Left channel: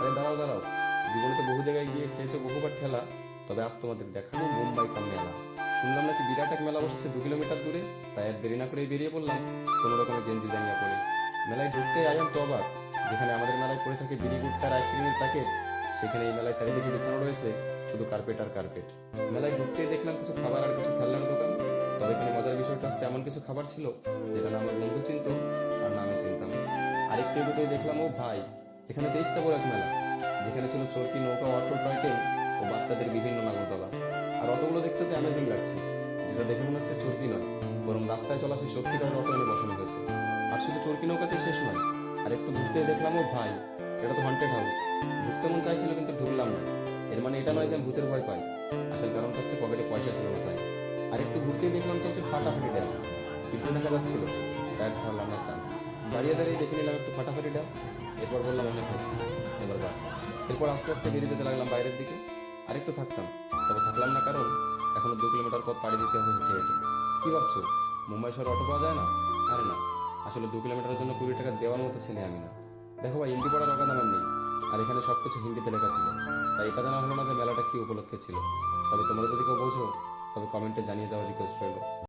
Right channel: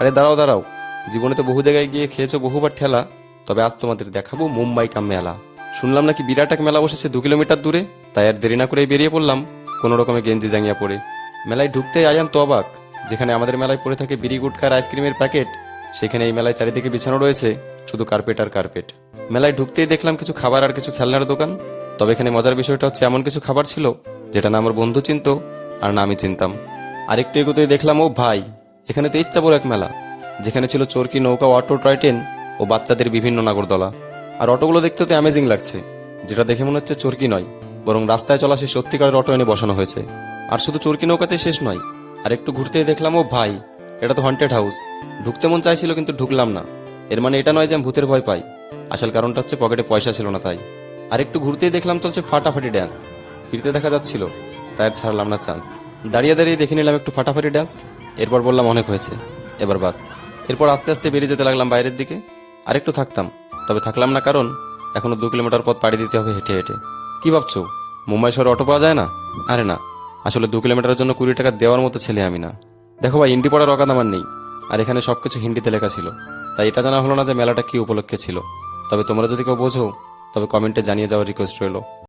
আরে দাঁড়াও দাঁড়াও, জীবনে তো বহু জায়গায় গিয়ে খেয়েছো বহুবার ঠেলা, তবে আজ তোমাদের দেখাবো মুম্বাই কাম মেলা। শুনলাম নাকি বিরাট এক মেলা বসেছে 2 কিলোমিটার দূরে, তাই আর দেরি না করে বেরিয়ে পড়লাম কোনো রকমে গেঞ্জি জাঙ্গিয়া পরে। মেলায় ঢুকতেই আয়াম তো অবাক, যেখানে আমাদের মেলায় পড়ে থাকে বিড়ি গুটকার আইসক্রিমের প্যাকেট, সেখানে এই মেলায় চারিদিকে বিছানো রয়েছে শুধু কার্পেট আর কার্পেট। মেলায় ঢুকতেই দেখলাম কিছু খাবার আর কিছু খেলনার দোকান। তবে এখানে মজার বিষয়টা হচ্ছে এমন কিছু খাবার ছিল যেটা না আমার বন্ধু চিনতো আর না আমি চিনতাম। আরেকটু এগোতেই দেখলাম, ও ভাই, এখানে তো ইচ্ছা বড় এক মেলা, যেখানে ছিল চরকি, নৌকা, অটো, টয় ট্রেন ও বাচ্চাদের বিভিন্ন নাগরদোলা। আর অটোগুলো দেখতে তো অ্যামেজিং লাগছে, যেটা দেখে মনে হচ্ছে চরকি নয়, বরং রাস্তায় চলা সেই সত্যিকারের অটো এনে বসানো হয়েছে। আর শুধু চরকি নৌকাতে শেষ নয়, আর একটু ঘুরতেই দেখলাম, ও ভাই, এটা তো হন্টেড হাউস। ঢুকতে মন চাইছিল কিন্তু ঢুকলাম না। এর মানে এটা নয় যে আমি ভূতের ভয় পাই, আসল কারণটা হচ্ছে পকেটে পয়সা ছিল না তাই। আর একটু ঘুরতেই দেখলাম চলছে ফাটাফাটি ড্যান্স, ফিরতে দেখা যাচ্ছিল, তাই আর ছাড়লাম না চান্স। দাঁড়িয়ে দাঁড়িয়ে দেখে নিলাম একটু ফাটাফাটি ড্যান্স, এরপর বললাম অনেক হয়েছে, এবার বাস। এরপর আস্তে আস্তে বেরিয়ে যেতে লাগলাম বাইরের দিকে। আর একটু থাকতাম, তবে থাকলাম না, কারণ এখনো 2 কিলোমিটার পথ পাড়ি দিতে হবে হেঁটে হেঁটে। কি ভাবছো, মুম্বাই শহরে অটো পাওয়া যায় না? আরে না, আসলে 2 কিলোমিটারের জন্য 20 টাকা দেওয়ার মতো ছেলে আমি না। দেখো ভাই, হিন্দি পড়ার অকাদ আমার নেই, আর এখানে সবকিছু হিন্দিতে লেখা ছিল, তাই এটা জানা হলো না যে মেলাটা কি উপলক্ষে ছিল। তবে তোমরা যদি কেউ বোঝো, তবে কমেন্টে জানিয়ে যাওয়ার রিকোয়েস্ট রইলো।